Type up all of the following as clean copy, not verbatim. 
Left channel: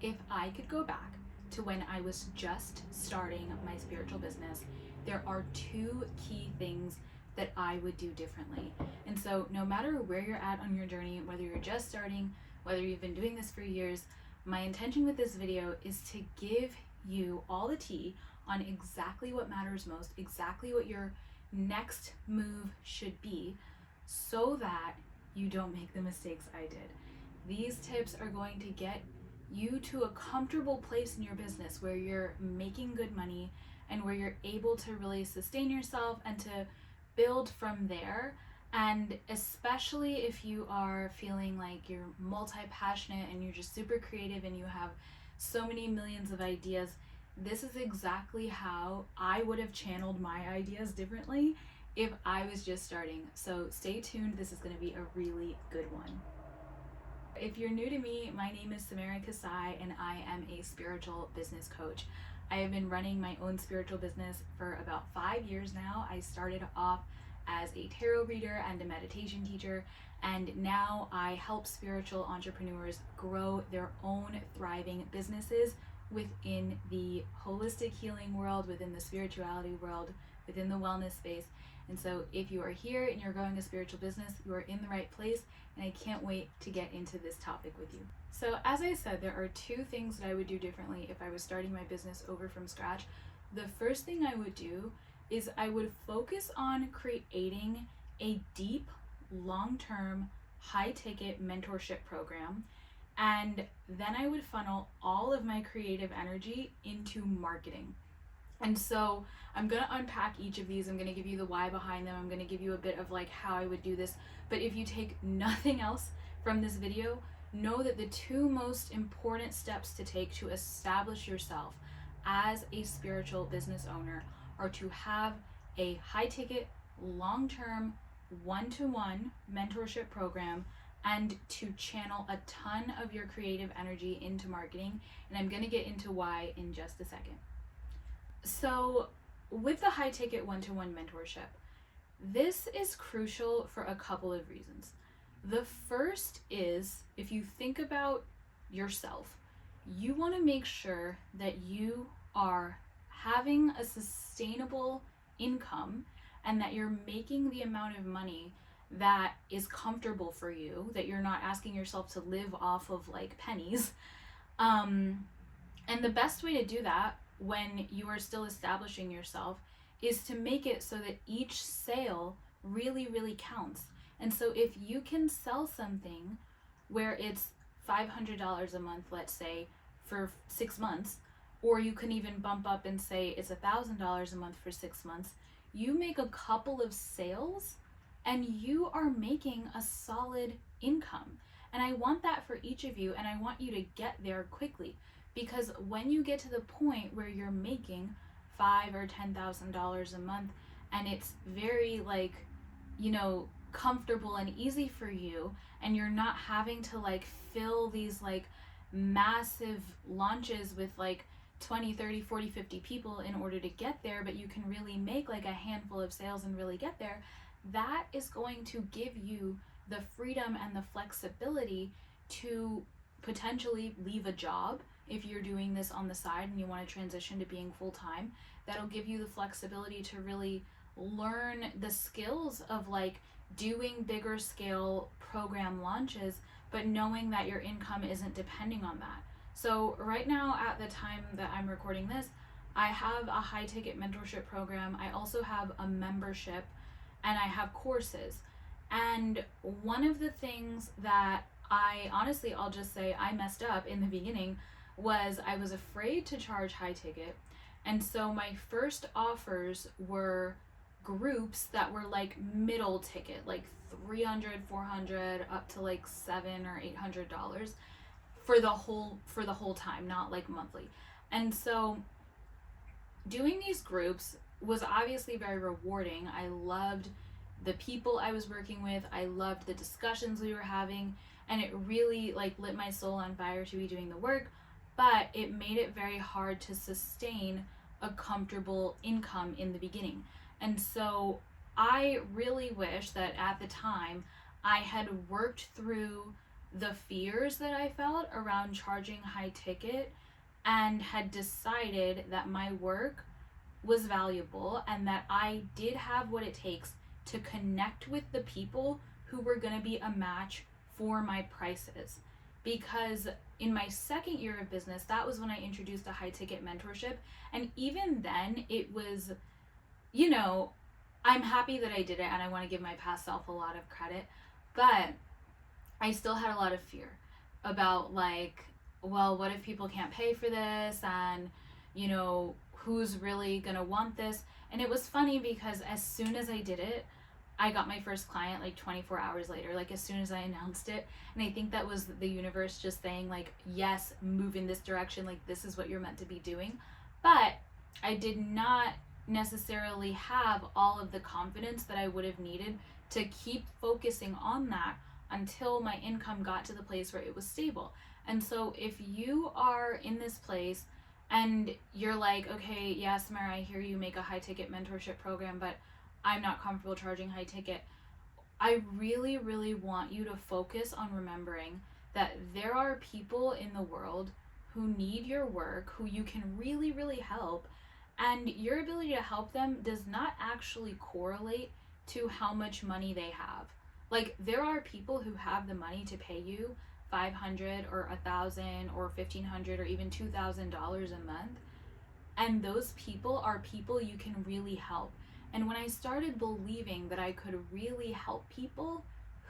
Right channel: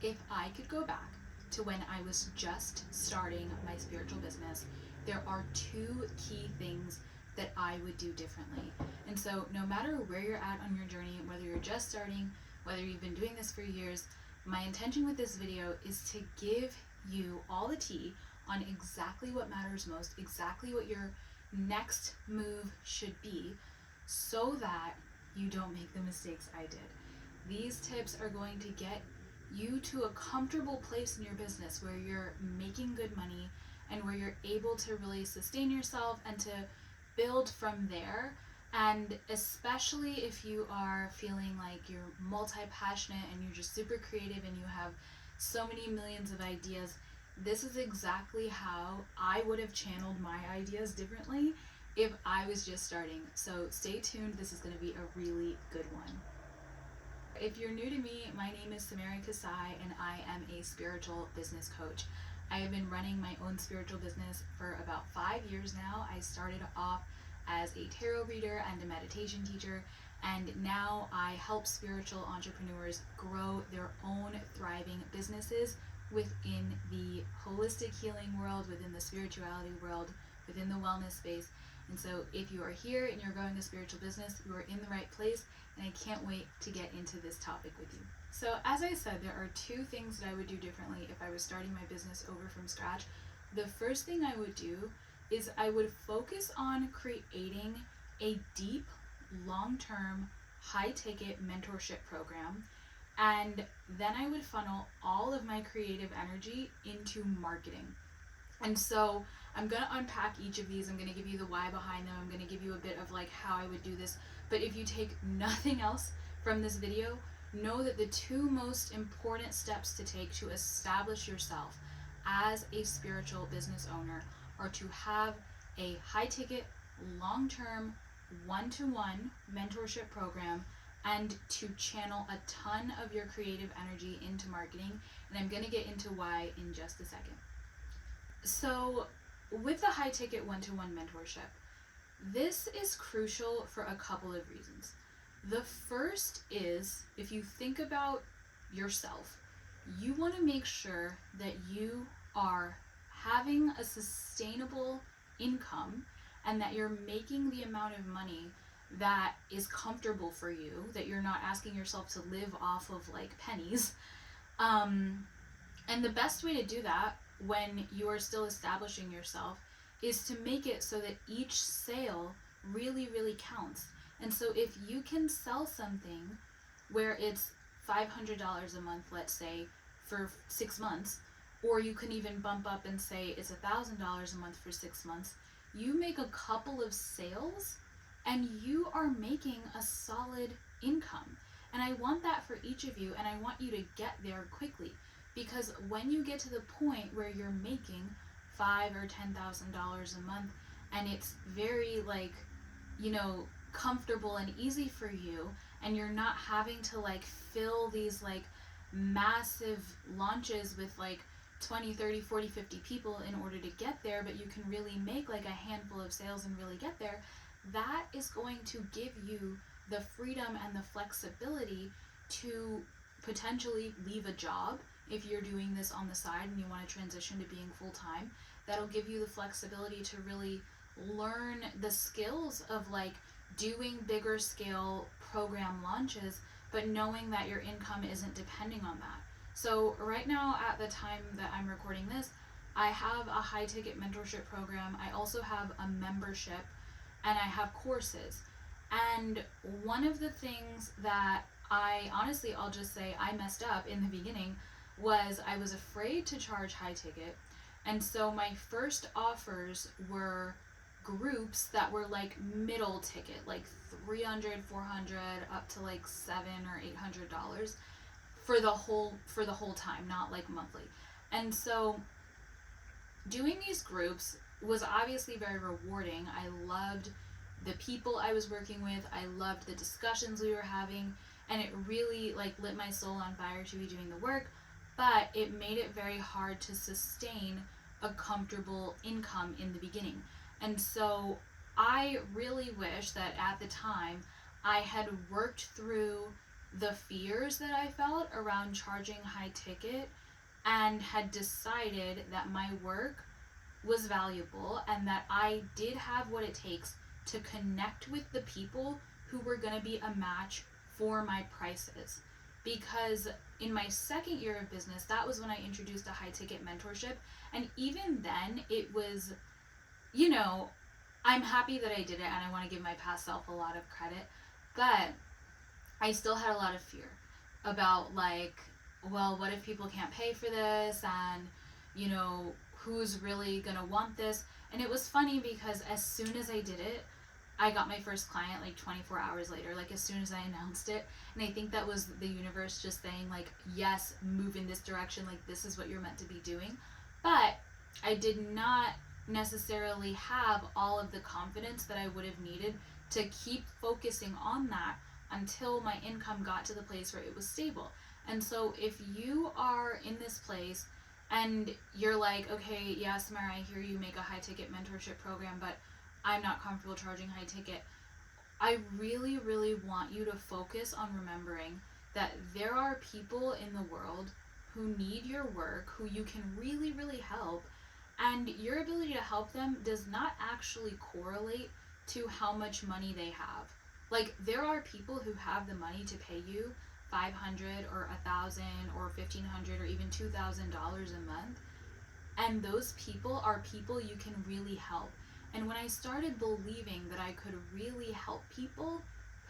If I could go back to when I was just starting my spiritual business, there are two key things that I would do differently. And so, no matter where you're at on your journey, whether you're just starting, whether you've been doing this for years, my intention with this video is to give you all the tea on exactly what matters most, exactly what your next move should be, so that you don't make the mistakes I did. These tips are going to get you to a comfortable place in your business where you're making good money and where you're able to really sustain yourself and to build from there. And especially if you are feeling like you're multi-passionate and you're just super creative and you have so many millions of ideas, this is exactly how I would have channeled my ideas differently if I was just starting. So stay tuned, this is going to be a really good one. If you're new to me, my name is Samara Kasai and I am a spiritual business coach. I have been running my own spiritual business for about 5 years now. I started off as a tarot reader and a meditation teacher, and now I help spiritual entrepreneurs grow their own thriving businesses within the holistic healing world, within the spirituality world, within the wellness space. And so if you are here and you're growing a spiritual business, you are in the right place, and I can't wait to get into this topic with you. So as I said, there are two things that I would do differently if I was starting my business over from scratch. The first thing I would do is I would focus on creating a deep, long-term, high-ticket mentorship program, and then I would funnel all of my creative energy into marketing. And so I'm going to unpack each of these. I'm going to give you the why behind them. I'm going to give you a bit of like how I would do this. But if you take nothing else from this video, know that the two most important steps to take to establish yourself as a spiritual business owner are to have a high ticket, long-term, one-to-one mentorship program and to channel a ton of your creative energy into marketing. And I'm going to get into why in just a second. So with the high ticket one-to-one mentorship, this is crucial for a couple of reasons. The first is, if you think about yourself, you want to make sure that you are having a sustainable income and that you're making the amount of money that is comfortable for you, that you're not asking yourself to live off of like pennies. And the best way to do that when you are still establishing yourself is to make it so that each sale really, really counts. And so if you can sell something where it's $500 a month, let's say, for 6 months, or you can even bump up and say it's $1,000 a month for 6 months, you make a couple of sales and you are making a solid income. And I want that for each of you, and I want you to get there quickly. Because when you get to the point where you're making $5,000 or $10,000 a month, and it's very like, comfortable and easy for you, and you're not having to like fill these like massive launches with like 20, 30, 40, 50 people in order to get there, but you can really make like a handful of sales and really get there, that is going to give you the freedom and the flexibility to potentially leave a job if you're doing this on the side and you want to transition to being full-time. That'll give you the flexibility to really learn the skills of like doing bigger scale program launches, but knowing that your income isn't depending on that. So right now, at the time that I'm recording this, I have a high ticket mentorship program. I also have a membership and I have courses. And one of the things that I'll just say I messed up in the beginning was I was afraid to charge high ticket. And so my first offers were groups that were like middle ticket, like $300, $400 up to like $700 or $800 for the whole time, not like monthly. And so doing these groups was obviously very rewarding. I loved the people I was working with. I loved the discussions we were having, and it really like lit my soul on fire to be doing the work, but it made it very hard to sustain a comfortable income in the beginning. And so I really wish that at the time I had worked through the fears that I felt around charging high ticket, and had decided that my work was valuable and that I did have what it takes to connect with the people who were going to be a match for my prices. Because in my second year of business, that was when I introduced a high ticket mentorship. And even then, it was, you know, I'm happy that I did it and I want to give my past self a lot of credit. But I still had a lot of fear about, like, well, what if people can't pay for this? And, who's really going to want this? And it was funny because as soon as I did it, I got my first client like 24 hours later, like as soon as I announced it. And I think that was the universe just saying, like, yes, move in this direction. Like, this is what you're meant to be doing. But I did not necessarily have all of the confidence that I would have needed to keep focusing on that until my income got to the place where it was stable. And so if you are in this place and you're like, okay, yeah, Samara, I hear you make a high ticket mentorship program, but I'm not comfortable charging high ticket. I really, really want you to focus on remembering that there are people in the world who need your work, who you can really, really help. And your ability to help them does not actually correlate to how much money they have. Like, there are people who have the money to pay you $500 or $1,000 or $1,500 or even $2,000 a month. And those people are people you can really help. And when I started believing that I could really help people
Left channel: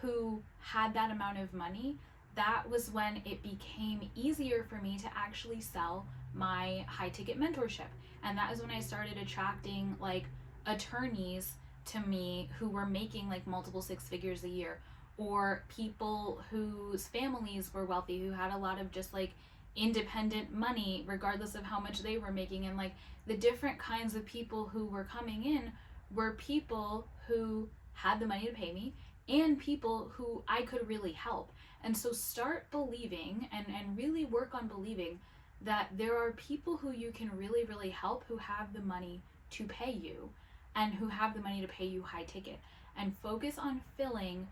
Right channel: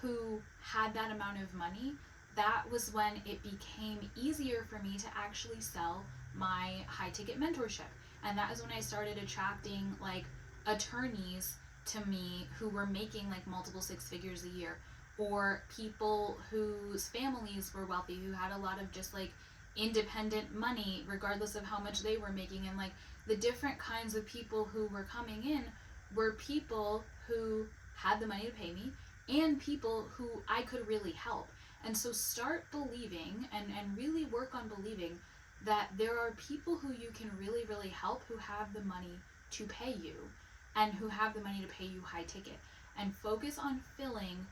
who had that amount of money, that was when it became easier for me to actually sell my high ticket mentorship. And that is when I started attracting like attorneys to me who were making like multiple six figures a year, or people whose families were wealthy, who had a lot of just like independent money regardless of how much they were making. And like the different kinds of people who were coming in were people who had the money to pay me and people who I could really help. And so start believing and really work on believing that there are people who you can really, really help who have the money to pay you and who have the money to pay you high ticket. And focus on filling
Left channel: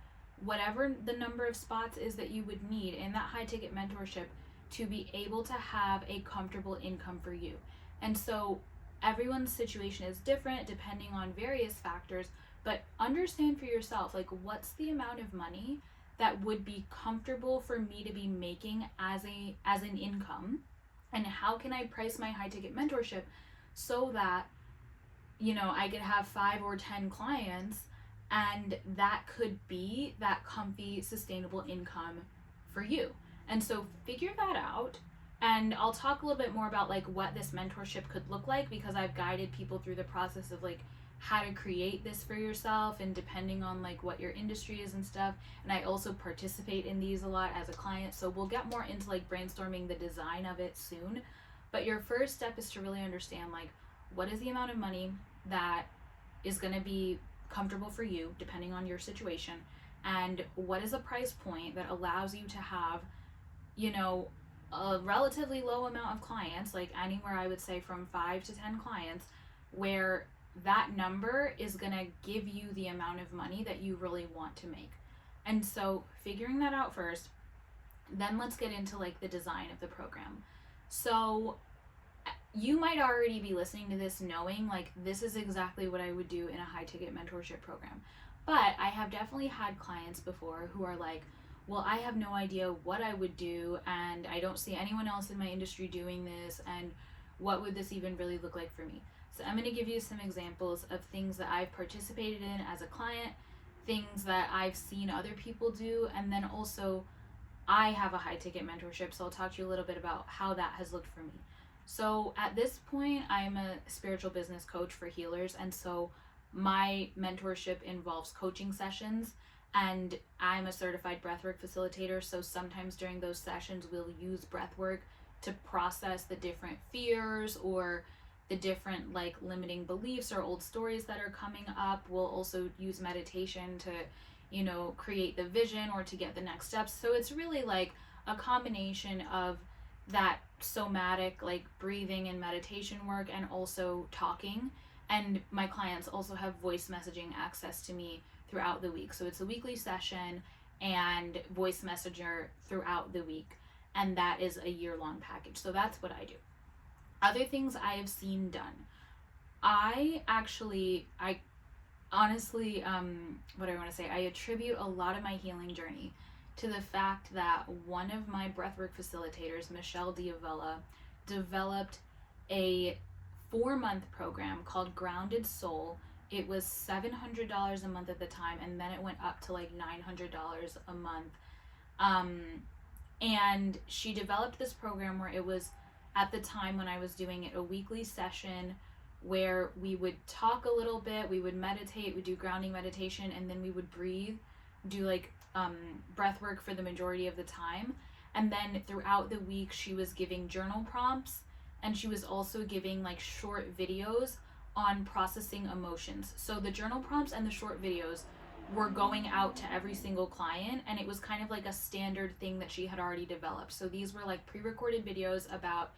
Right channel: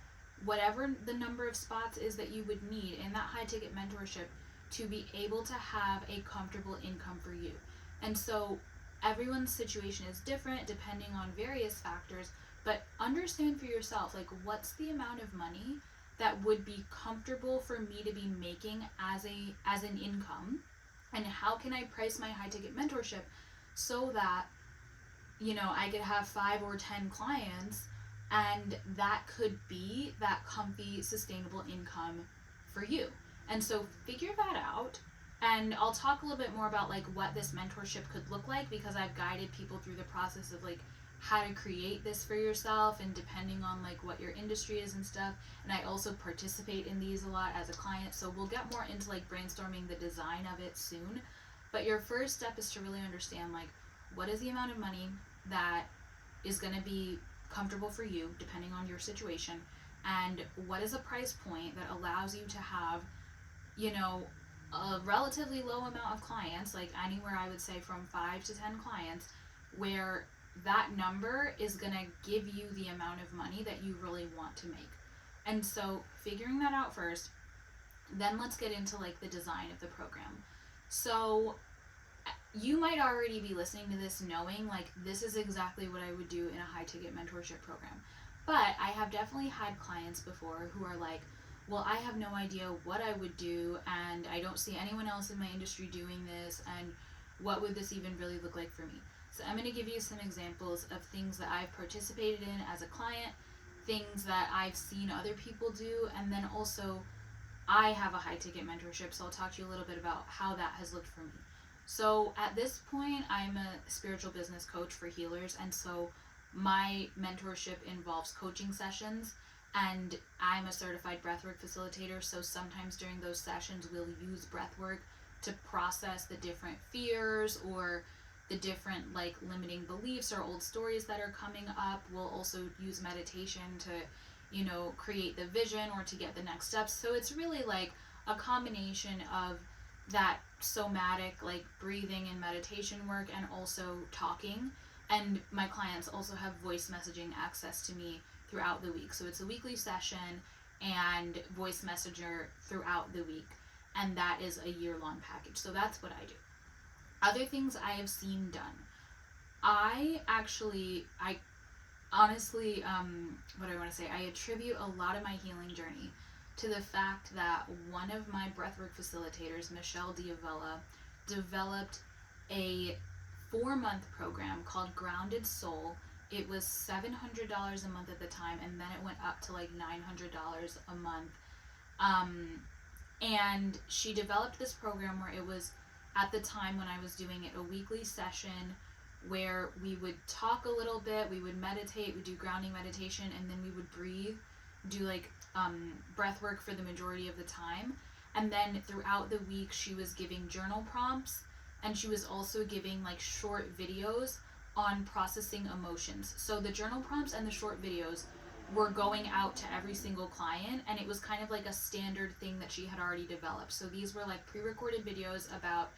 whatever the number of spots is that you would need in that high ticket mentorship to be able to have a comfortable income for you. And so everyone's situation is different depending on various factors, but understand for yourself, like, what's the amount of money that would be comfortable for me to be making as an income, and how can I price my high ticket mentorship so that I could have 5 or 10 clients, and that could be that comfy, sustainable income for you. And so figure that out. And I'll talk a little bit more about like what this mentorship could look like, because I've guided people through the process of like how to create this for yourself, and depending on like what your industry is and stuff. And I also participate in these a lot as a client. So we'll get more into like brainstorming the design of it soon. But your first step is to really understand like, what is the amount of money that is going to be comfortable for you depending on your situation, and what is a price point that allows you to have a relatively low amount of clients, like anywhere I would say from 5 to 10 clients, where that number is going to give you the amount of money that you really want to make. And so figuring that out first, then let's get into like the design of the program. So you might already be listening to this knowing like this is exactly what I would do in a high ticket mentorship program. But I have definitely had clients before who are like, well, I have no idea what I would do, and I don't see anyone else in my industry doing this, and what would this even really look like for me? So I'm going to give you some examples of things that I've participated in as a client, things that I've seen other people do, and then also I have a high ticket mentorship, so I'll talk to you a little bit about how that has looked for me. So at this point, I'm a spiritual business coach for healers, and so my mentorship involves coaching sessions, and I'm a certified breathwork facilitator. So sometimes during those sessions, we'll use breathwork to process the different fears or the different like limiting beliefs or old stories that are coming up. We'll also use meditation to, create the vision or to get the next steps. So it's really like a combination of that somatic, like breathing and meditation work, and also talking. And my clients also have voice messaging access to me throughout the week. So it's a weekly session, and voice messenger throughout the week. And that is a year-long package. So that's what I do. Other things I have seen done. I honestly, what I want to say, I attribute a lot of my healing journey to the fact that one of my breathwork facilitators, Michelle Diavella, developed a 4-month program called Grounded Soul. It was $700 a month at the time, and then it went up to like $900 a month. And she developed this program where it was, at the time when I was doing it, a weekly session where we would talk a little bit, we would meditate, we do grounding meditation, and then we would breathe, do like breath work for the majority of the time. And then throughout the week, she was giving journal prompts, and she was also giving like short videos on processing emotions. So the journal prompts and the short videos were going out to every single client, and it was kind of like a standard thing that she had already developed. So these were like pre-recorded videos about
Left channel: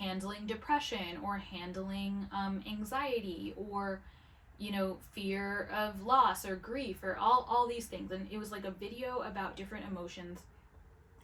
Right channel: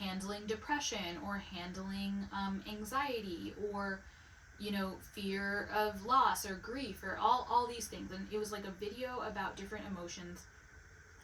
handling depression or handling anxiety or fear of loss or grief or all these things. And it was like a video about different emotions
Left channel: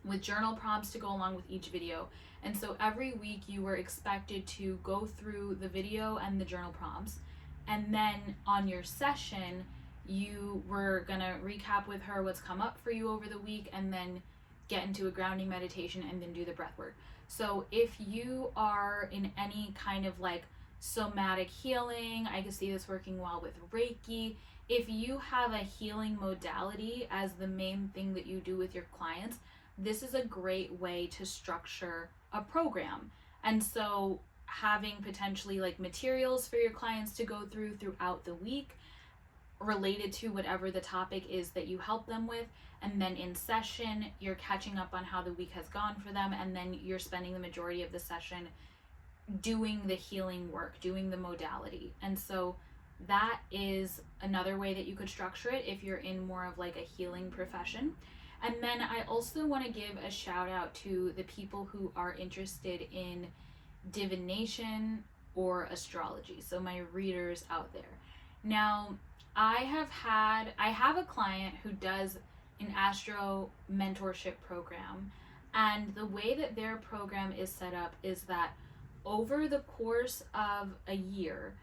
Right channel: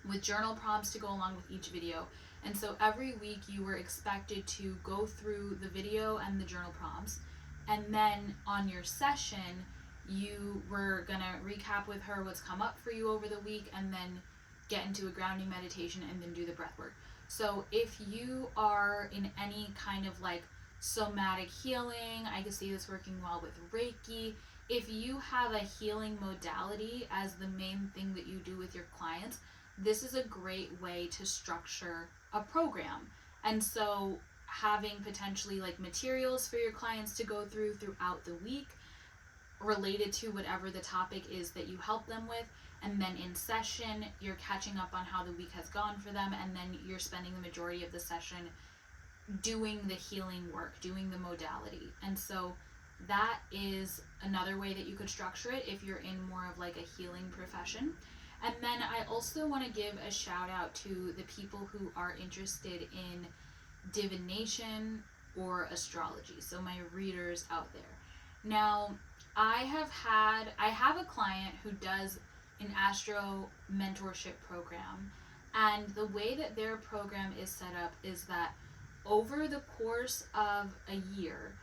with journal prompts to go along with each video. And so every week you were expected to go through the video and the journal prompts, and then on your session you were gonna recap with her what's come up for you over the week, and then get into a grounding meditation and then do the breath work. So if you are in any kind of like somatic healing, I can see this working well with Reiki. If you have a healing modality as the main thing that you do with your clients, this is a great way to structure a program. And so having potentially like materials for your clients to go throughout the week related to whatever the topic is that you help them with, and then in session you're catching up on how the week has gone for them, and then you're spending the majority of the session doing the healing work, doing the modality. And so that is another way that you could structure it if you're in more of like a healing profession. And then I also want to give a shout out to the people who are interested in divination or astrology, so my readers out there. Now I have a client who does an astro mentorship program, and the way that their program is set up is that over the course of a year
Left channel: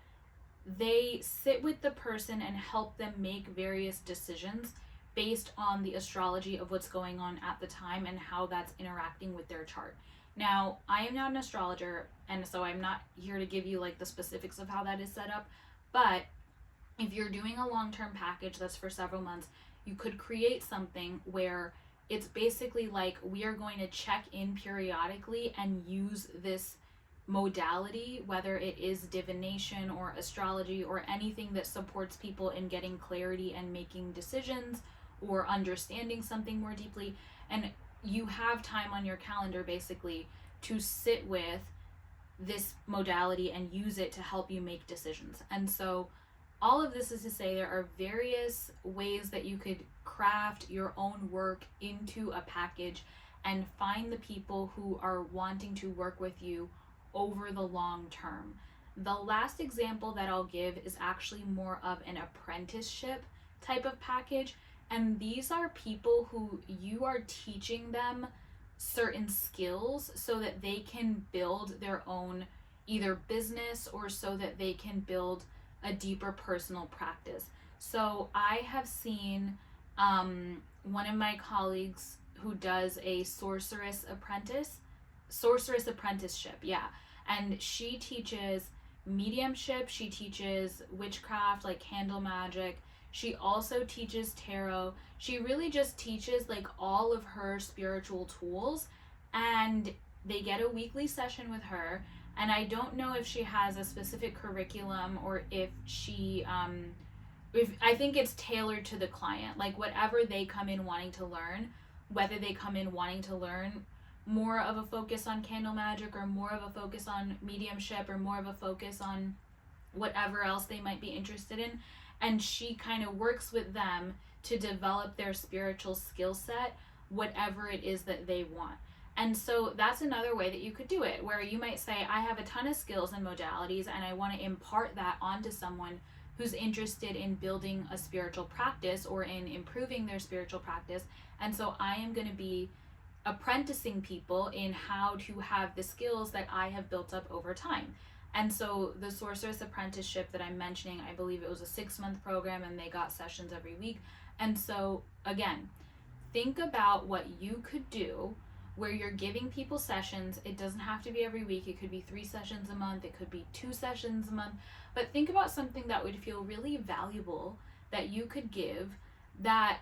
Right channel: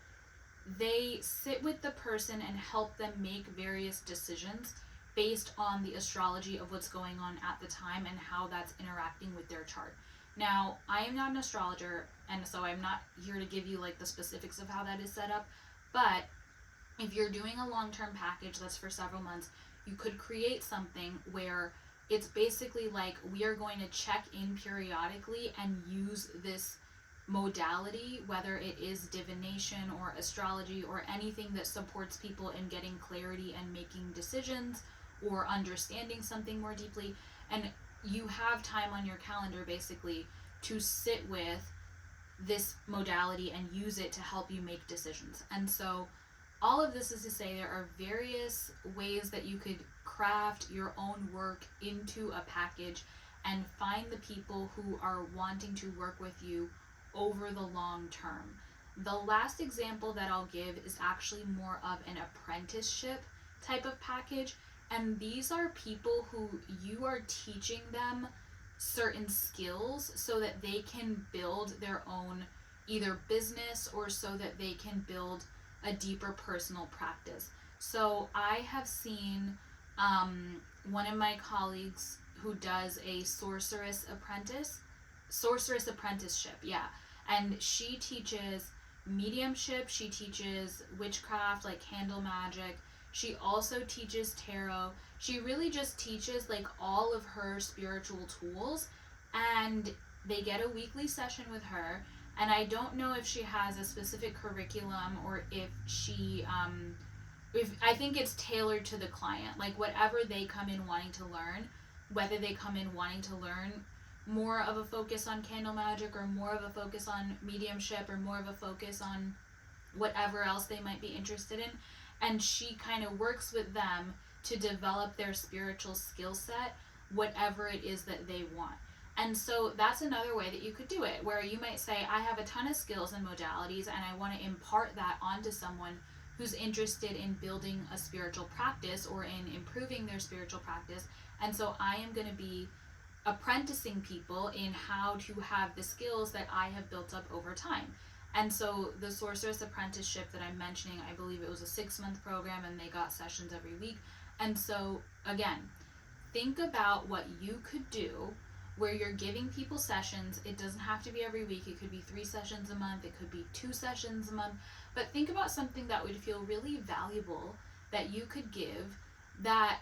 they sit with the person and help them make various decisions based on the astrology of what's going on at the time and how that's interacting with their chart. Now, I am not an astrologer, and so I'm not here to give you like the specifics of how that is set up, but if you're doing a long-term package that's for several months, you could create something where it's basically like we are going to check in periodically and use this modality, whether it is divination or astrology or anything that supports people in getting clarity and making decisions or understanding something more deeply. And you have time on your calendar basically to sit with this modality and use it to help you make decisions. And so all of this is to say there are various ways that you could craft your own work into a package and find the people who are wanting to work with you over the long term. The last example that I'll give is actually more of an apprenticeship type of package, and these are people who you are teaching them certain skills so that they can build their own either business or so that they can build a deeper personal practice. So I have seen one of my colleagues who does a sorceress apprenticeship, yeah. And she teaches mediumship, she teaches witchcraft, like candle magic. She also teaches tarot. She really just teaches like all of her spiritual tools, and they get a weekly session with her. And I don't know if she has a specific curriculum or if she I think it's tailored to the client, like whatever they come in wanting to learn, whether they come in wanting to learn more of a focus on candle magic or more of a focus on mediumship or more of a focus on whatever else they might be interested in. And she kind of works with them to develop their spiritual skill set, whatever it is that they want. And so that's another way that you could do it, where you might say, I have a ton of skills and modalities and I want to impart that onto someone who's interested in building a spiritual practice or in improving their spiritual practice. And so I am going to be apprenticing people in how to have the skills that I have built up over time. And so the Sorceress Apprenticeship that I'm mentioning, I believe it was a 6-month program and they got sessions every week. And so again, think about what you could do where you're giving people sessions. It doesn't have to be every week. It could be 3 sessions a month. It could be 2 sessions a month. But think about something that would feel really valuable that you could give that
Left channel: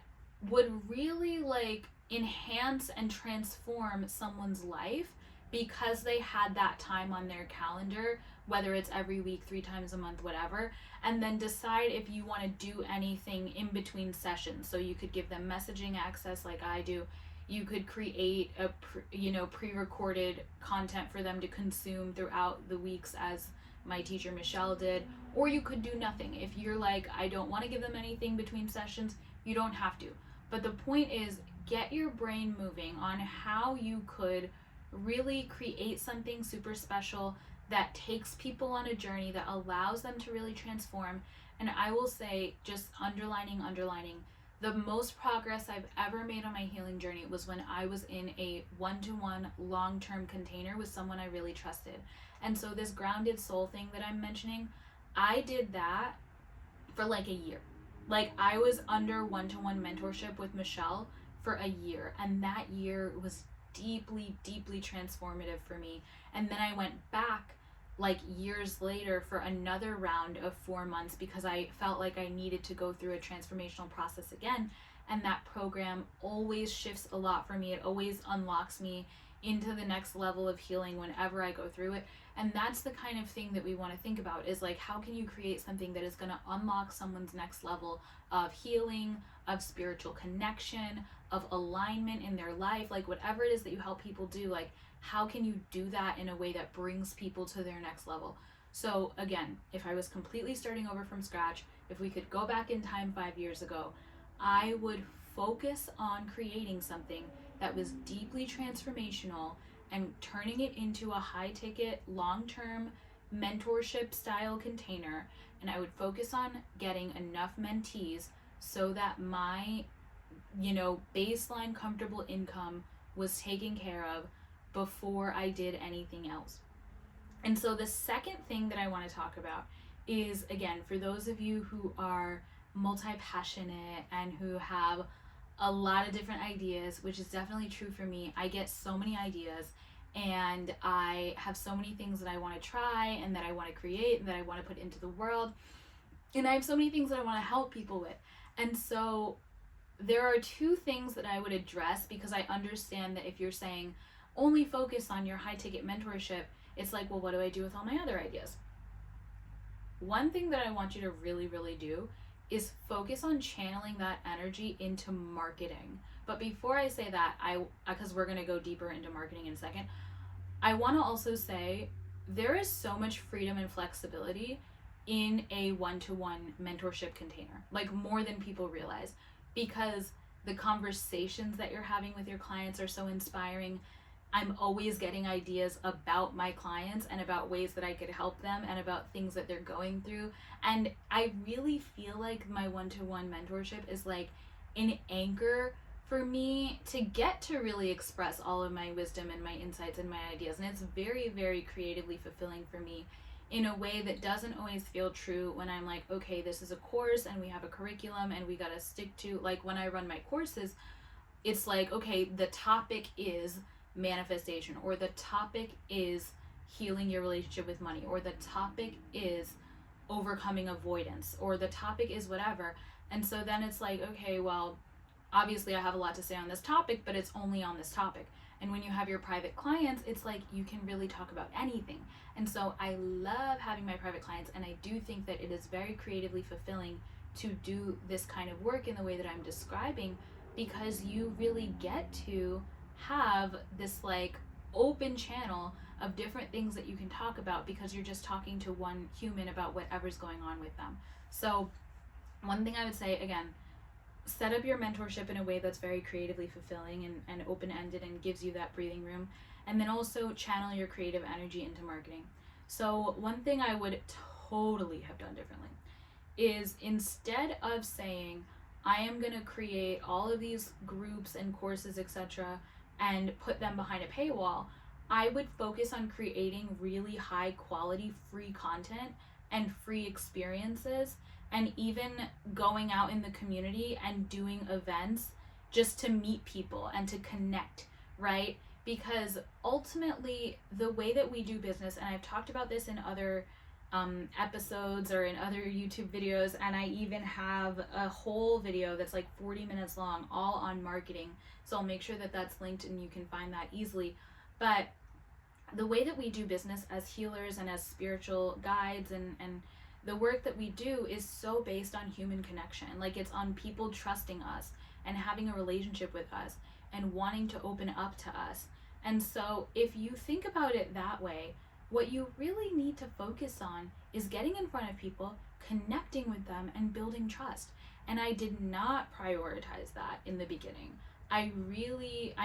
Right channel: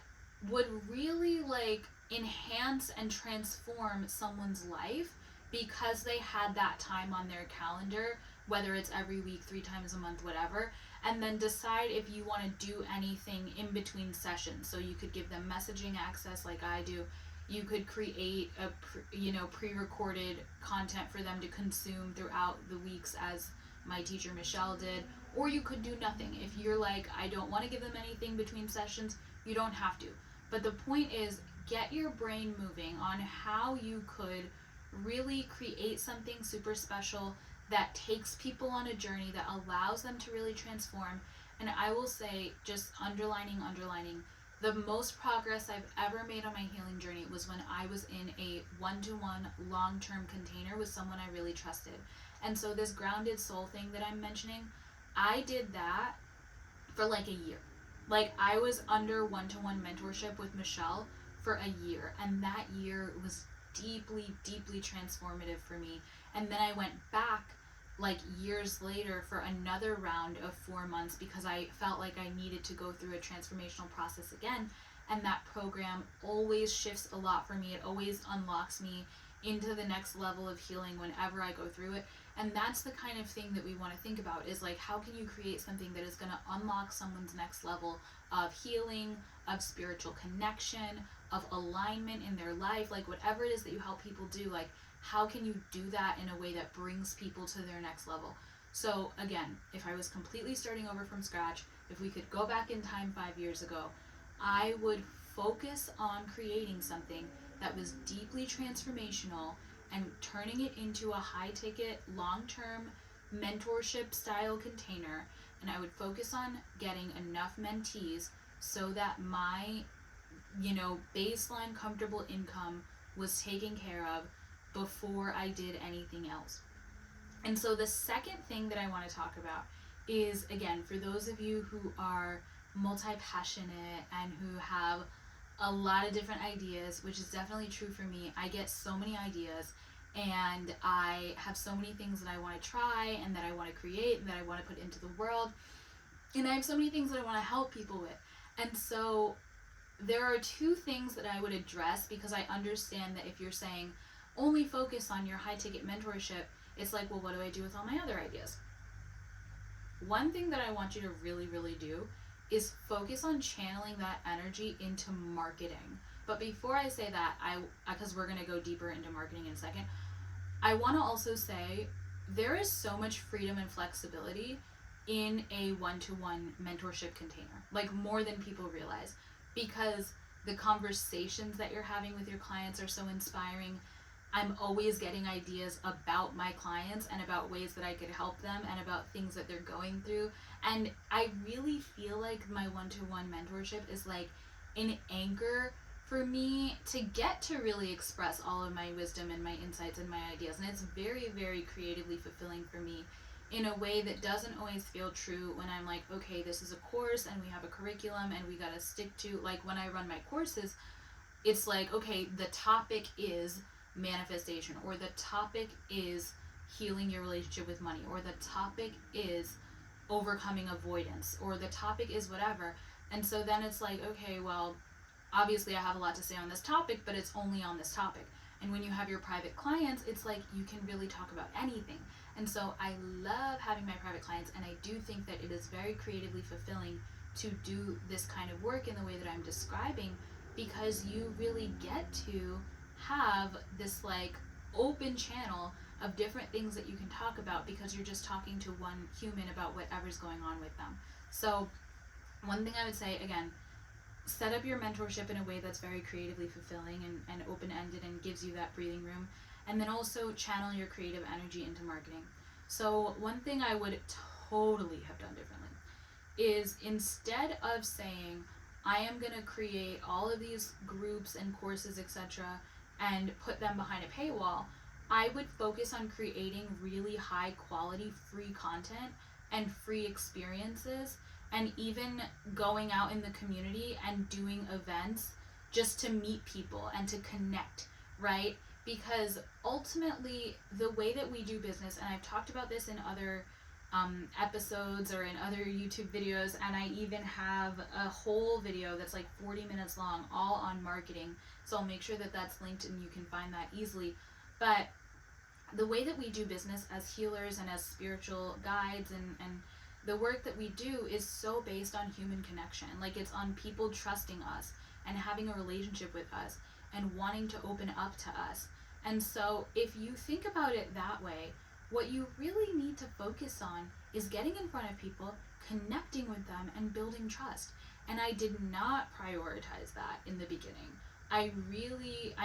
would really like enhance and transform someone's life because they had that time on their calendar, whether it's every week, 3 times a month, whatever. And then decide if you want to do anything in between sessions. So you could give them messaging access like I do. You could create a pre-recorded content for them to consume throughout the weeks as my teacher Michelle did, or you could do nothing. If you're like, I don't want to give them anything between sessions, you don't have to. But the point is, get your brain moving on how you could really create something super special that takes people on a journey that allows them to really transform. And I will say, just underlining, the most progress I've ever made on my healing journey was when I was in a one-to-one long-term container with someone I really trusted. And so this grounded soul thing that I'm mentioning, I did that for like a year. Like I was under one-to-one mentorship with Michelle for a year, and that year was deeply transformative for me. And then I went back like years later for another round of 4 months because I felt like I needed to go through a transformational process again. And that program always shifts a lot for me. It always unlocks me into the next level of healing whenever I go through it. And that's the kind of thing that we want to think about, is like, how can you create something that is going to unlock someone's next level of healing, of spiritual connection, of alignment in their life, like whatever it is that you help people do, like how can you do that in a way that brings people to their next level? So again, if I was completely starting over from scratch, if we could go back in time 5 years ago, I would focus on creating something that was deeply transformational and turning it into a high ticket, long-term mentorship style container. And I would focus on getting enough mentees so that my, baseline comfortable income was taken care of before I did anything else. And so the second thing that I want to talk about is, again, for those of you who are multi-passionate and who have a lot of different ideas, which is definitely true for me. I get so many ideas and I have so many things that I want to try and that I want to create and that I want to put into the world. And I have so many things that I want to help people with. And so there are 2 things that I would address, because I understand that if you're saying only focus on your high ticket mentorship, it's like, well, what do I do with all my other ideas? One thing that I want you to really do is focus on channeling that energy into marketing. But before I say that, because we're going to go deeper into marketing in a second, I want to also say there is so much freedom and flexibility in a one-to-one mentorship container, like more than people realize, because the conversations that you're having with your clients are so inspiring. I'm always getting ideas about my clients and about ways that I could help them and about things that they're going through. And I really feel like my one-to-one mentorship is like an anchor for me to get to really express all of my wisdom and my insights and my ideas. And it's very creatively fulfilling for me in a way that doesn't always feel true when I'm like, okay, this is a course and we have a curriculum and we got to stick to, like when I run my courses, it's like, okay, the topic is manifestation, or the topic is healing your relationship with money, or the topic is overcoming avoidance, or the topic is whatever. And so then it's like, okay, well, obviously I have a lot to say on this topic, but it's only on this topic. And when you have your private clients, it's like you can really talk about anything. And so I love having my private clients, and I do think that it is very creatively fulfilling to do this kind of work in the way that I'm describing, because you really get to have this like open channel of different things that you can talk about, because you're just talking to one human about whatever's going on with them. So one thing I would say, again, set up your mentorship in a way that's very creatively fulfilling and open-ended and gives you that breathing room. And then also channel your creative energy into marketing. So one thing I would totally have done differently is, instead of saying, I am going to create all of these groups and courses, etc., and put them behind a paywall, I would focus on creating really high quality free content and free experiences, and even going out in the community and doing events just to meet people and to connect, right? Because ultimately, the way that we do business, and I've talked about this in other episodes or in other YouTube videos, and I even have a whole video that's like 40 minutes long, all on marketing. So I'll make sure that that's linked and you can find that easily. But the way that we do business as healers and as spiritual guides, and the work that we do is so based on human connection. Like, it's on people trusting us and having a relationship with us and wanting to open up to us. And so if you think about it that way, what you really need to focus on is getting in front of people, connecting with them, and building trust. And I did not prioritize that in the beginning. I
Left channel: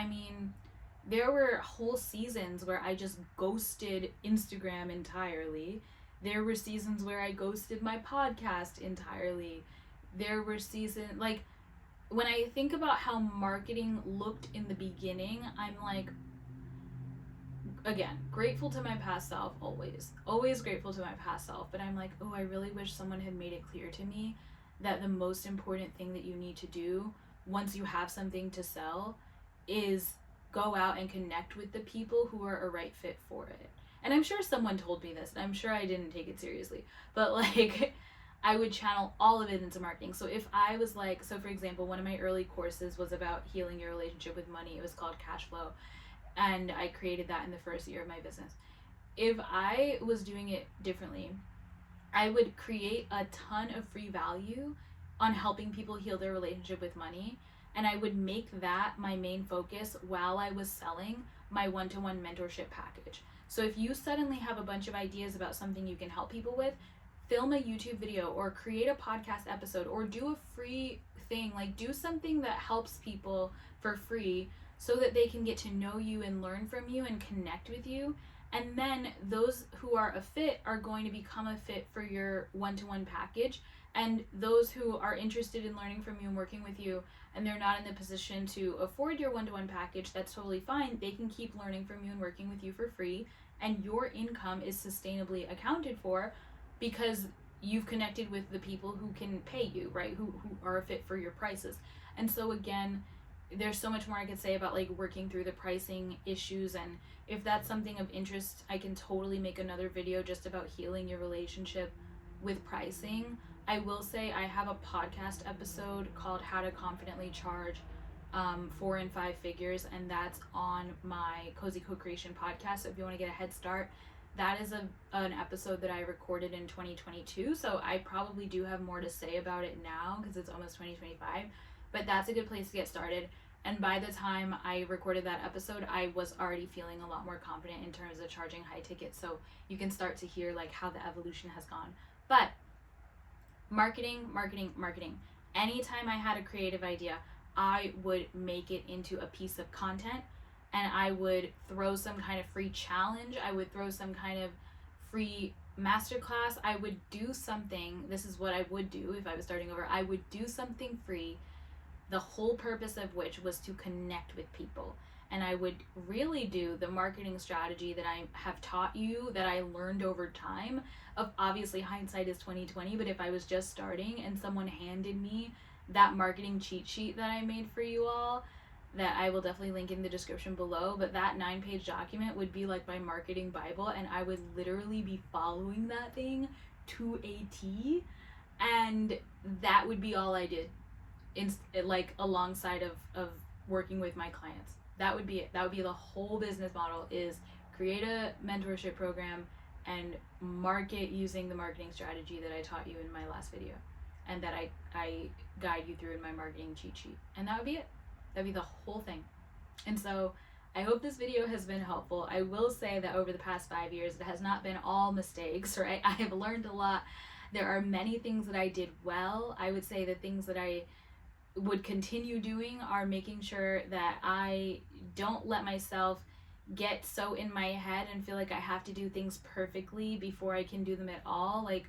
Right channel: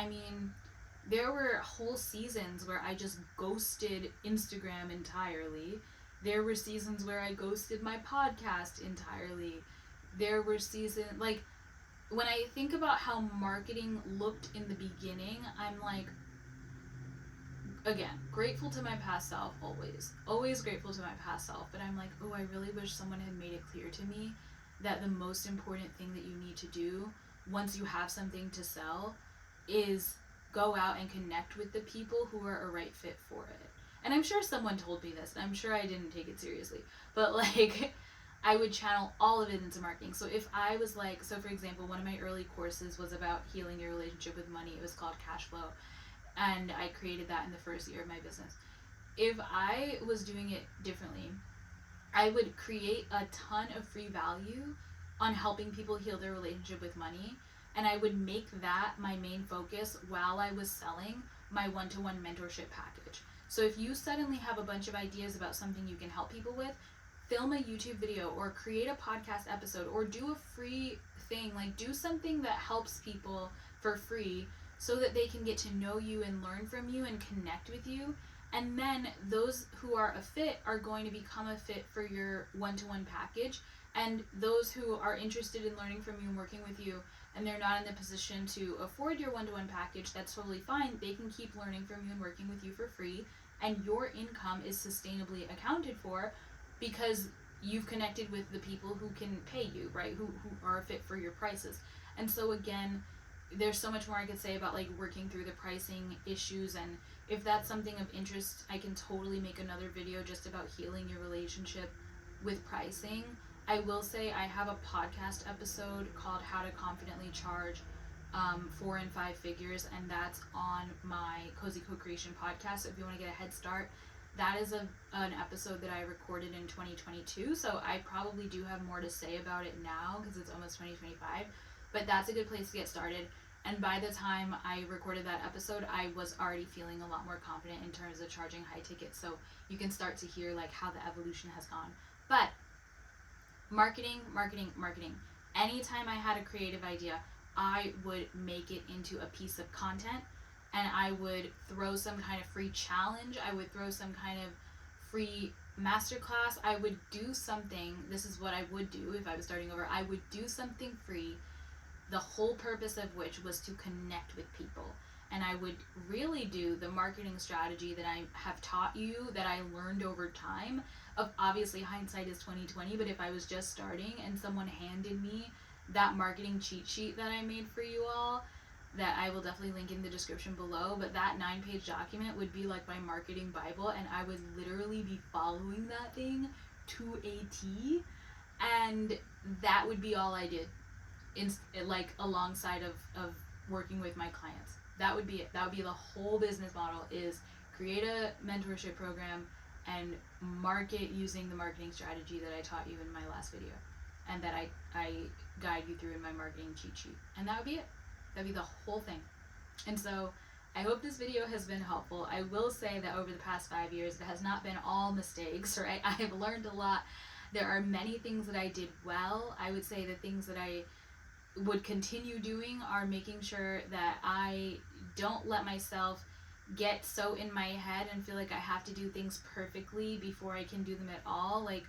mean, there were whole seasons where I just ghosted Instagram entirely. There were seasons where I ghosted my podcast entirely. There were seasons, like, when I think about how marketing looked in the beginning, I'm like, again, grateful to my past self, always grateful to my past self, but I'm like, oh, I really wish someone had made it clear to me that the most important thing that you need to do once you have something to sell is go out and connect with the people who are a right fit for it. And I'm sure someone told me this, and I'm sure I didn't take it seriously, but like, I would channel all of it into marketing. So if I was like, so for example, one of my early courses was about healing your relationship with money. It was called Cash Flow, and I created that in the first year of my business. If I was doing it differently, I would create a ton of free value on helping people heal their relationship with money, and I would make that my main focus while I was selling my one-to-one mentorship package. So if you suddenly have a bunch of ideas about something you can help people with, film a YouTube video or create a podcast episode or do a free thing, like do something that helps people for free so that they can get to know you and learn from you and connect with you. And then those who are a fit are going to become a fit for your one-to-one package. And those who are interested in learning from you and working with you, and they're not in the position to afford your one-to-one package, that's totally fine. They can keep learning from you and working with you for free, and your income is sustainably accounted for because you've connected with the people who can pay you, right? Who are a fit for your prices. And so again, there's so much more I could say about like working through the pricing issues, and if that's something of interest, I can totally make another video just about healing your relationship with pricing. I will say I have a podcast episode called How to Confidently Charge 4 and 5 figures, and that's on my Cozy Co-Creation podcast. So if you want to get a head start, that is an episode that I recorded in 2022. So I probably do have more to say about it now because it's almost 2025, but that's a good place to get started. And by the time I recorded that episode, I was already feeling a lot more confident in terms of charging high tickets. So you can start to hear like how the evolution has gone. But marketing. Anytime I had a creative idea, I would make it into a piece of content, and I would throw some kind of free challenge. I would throw some kind of free masterclass. I would do something. This is what I would do if I was starting over. I would do something free, the whole purpose of which was to connect with people. And I would really do the marketing strategy that I have taught you, that I learned over time. Of obviously hindsight is 2020, but if I was just starting and someone handed me that marketing cheat sheet that I made for you all, that I will definitely link in the description below, but that 9-page document would be like my marketing Bible, and I would literally be following that thing to a T, and that would be all I did like alongside of working with my clients. That would be it. That would be the whole business model, is create a mentorship program and market using the marketing strategy that I taught you in my last video, and that I guide you through in my marketing cheat sheet. And that would be it. That'd be the whole thing. And so I hope this video has been helpful. I will say that over the past 5 years, it has not been all mistakes, right? I have learned a lot. There are many things that I did well. I would say the things that I would continue doing are making sure that I don't let myself get so in my head and feel like I have to do things perfectly before I can do them at all. Like,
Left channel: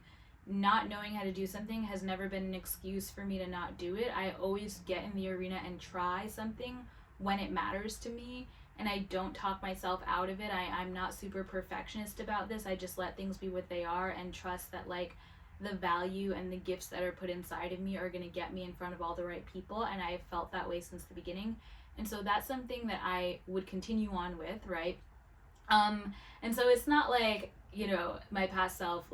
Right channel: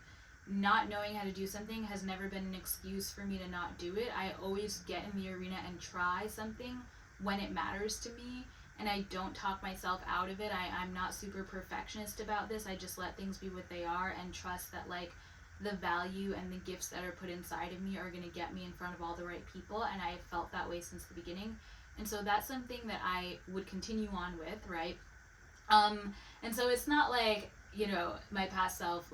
not knowing how to do something has never been an excuse for me to not do it. I always get in the arena and try something when it matters to me, and I don't talk myself out of it. I'm not super perfectionist about this. I just let things be what they are and trust that like the value and the gifts that are put inside of me are going to get me in front of all the right people, and I have felt that way since the beginning. And so that's something that I would continue on with, right? And so it's not like, you know, my past self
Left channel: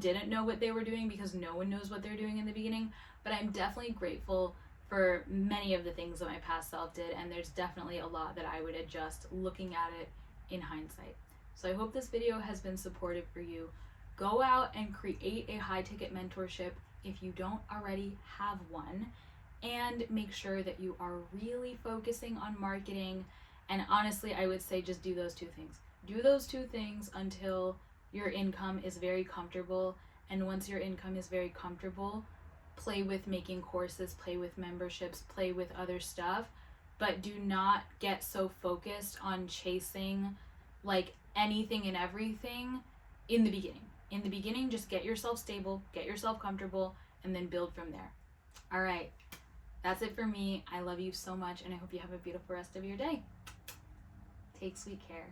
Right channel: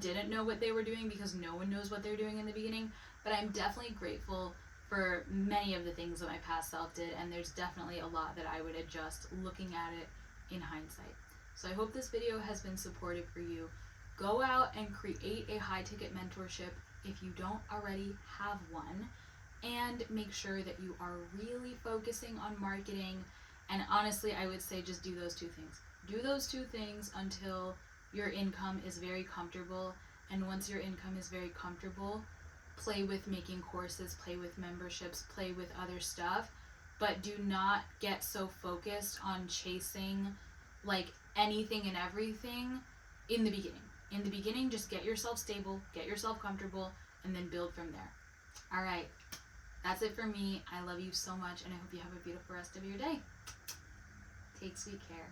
didn't know what they were doing, because no one knows what they're doing in the beginning, but I'm definitely grateful for many of the things that my past self did, and there's definitely a lot that I would adjust looking at it in hindsight. So I hope this video has been supportive for you. Go out and create a high ticket mentorship if you don't already have one, and make sure that you are really focusing on marketing. And honestly, I would say just do those two things. Do those two things until your income is very comfortable. And once your income is very comfortable, play with making courses, play with memberships, play with other stuff. But do not get so focused on chasing like anything and everything in the beginning. In the beginning, just get yourself stable, get yourself comfortable, and then build from there. All right. That's it for me. I love you so much, and I hope you have a beautiful rest of your day. Take sweet care.